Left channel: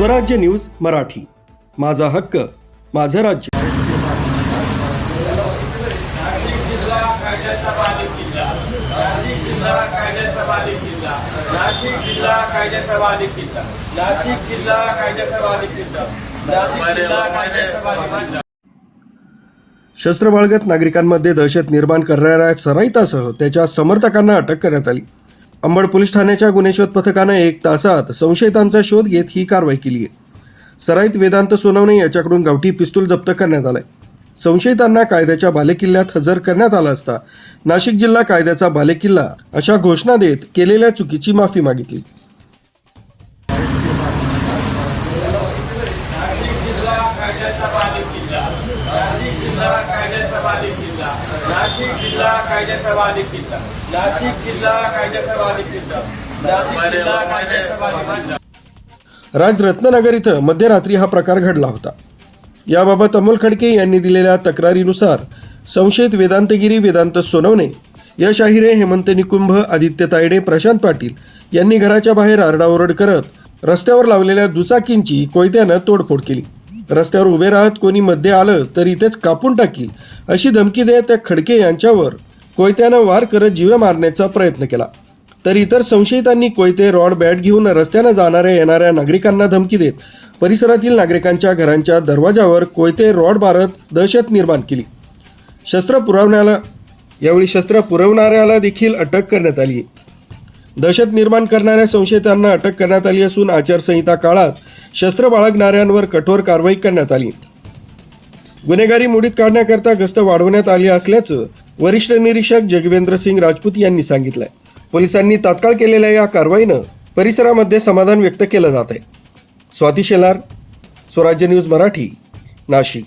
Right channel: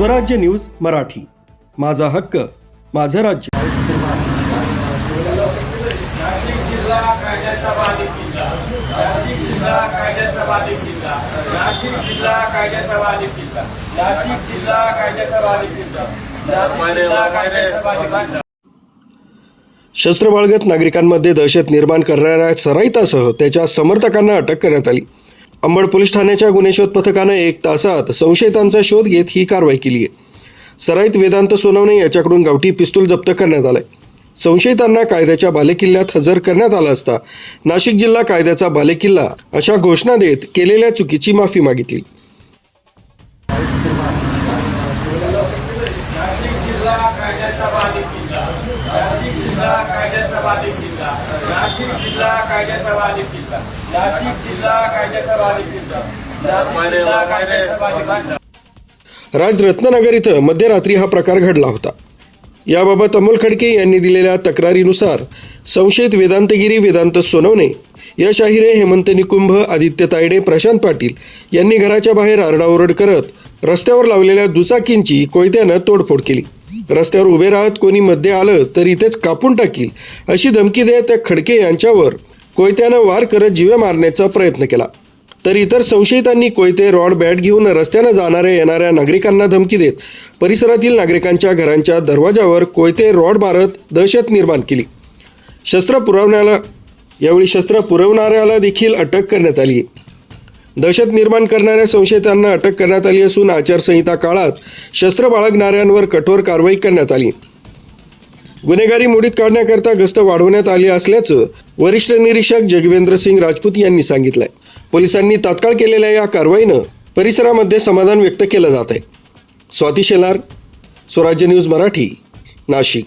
स्वराज्य न्यूज मराठी, माझा हक्क माझं राज्य. शस्त्र बाळगत नागरिकांमध्ये दहशत निर्माण करणाऱ्या सराईतासह त्याच्या समर्थकांना अटक करण्यात आली. अंबड पोलीस ठाण्याच्या गुन्हे शोध पथकानं 1 तासात संशयितांचा शोध घेत ही कारवाई केली आहे. सराईत वेदांत सोनवणे याच्याकडून गावठी पिस्तूल जप्त करण्यात आलाय. संशयितांना कायद्याच्या बालेकिल्ल्यात हजर करण्यात आला असता नाशिक जिल्हा कायद्याचा बालेकिल्ला अशा घोषणा देत केलेल्या चुकीची माफी मागितली. राजरत्ननगर इथं मध्यरात्री हा प्रकार घडला होता. याबाबत अमोल खडके यांनी दिलेल्या तक्रारीनुसार संशयित वेदांतगिरी, वेदांत सोनवणे, यश आहिरे, हेमंत निकुंभ, आदित्य तायडे, प्रशांत पाटील यांनी घराच्या बाहेर आरडाओरड करत रस्त्यावर लावलेल्या दुचाकींची कोयत्यानं तोडफोड केली. रस्त्यावर उभे राहत कोणी मध्ये आलं तर इथेच कापून टाकील अशी धमकी देत त्या खडके यांच्यावर कोयत्यानं वार करत जीवे मारण्याचा प्रयत्न केला. तर इतर संशयितांनी कोयते, रॉड, बॅट घेऊन रस्त्यानं जाणाऱ्या येणाऱ्या नागरिकांना धमकी देत परिसरातील नागरिकांच्या घरांच्या दरवाजावर कोयते, रॉड मारत दहशत निर्माण केली. यावेळी शस्त्र पुरवणाऱ्याला देखील अटक करण्यात आली. दहशत निर्माण करणाऱ्या संशयितांना अटक करण्यात आली असून आचारसंहिता काळात शस्त्र बाळगणाऱ्यांवर कठोर कारवाई करण्यात आली. गुन्हेगारी मोडीत काढण्याकरता गस्त वाढवण्यात आली असल्याचं वरिष्ठ निरीक्षक जगवेंद्र सिंग राजपूत यांनी सांगितलंय. पोलिसांनी तात्काळ केलेल्या या कारवाईनं परिसरामध्ये समाधान व्यक्त केलं जात आहे. स्वाती शेलार, स्वराज्य न्यूज मराठी, नाशिक.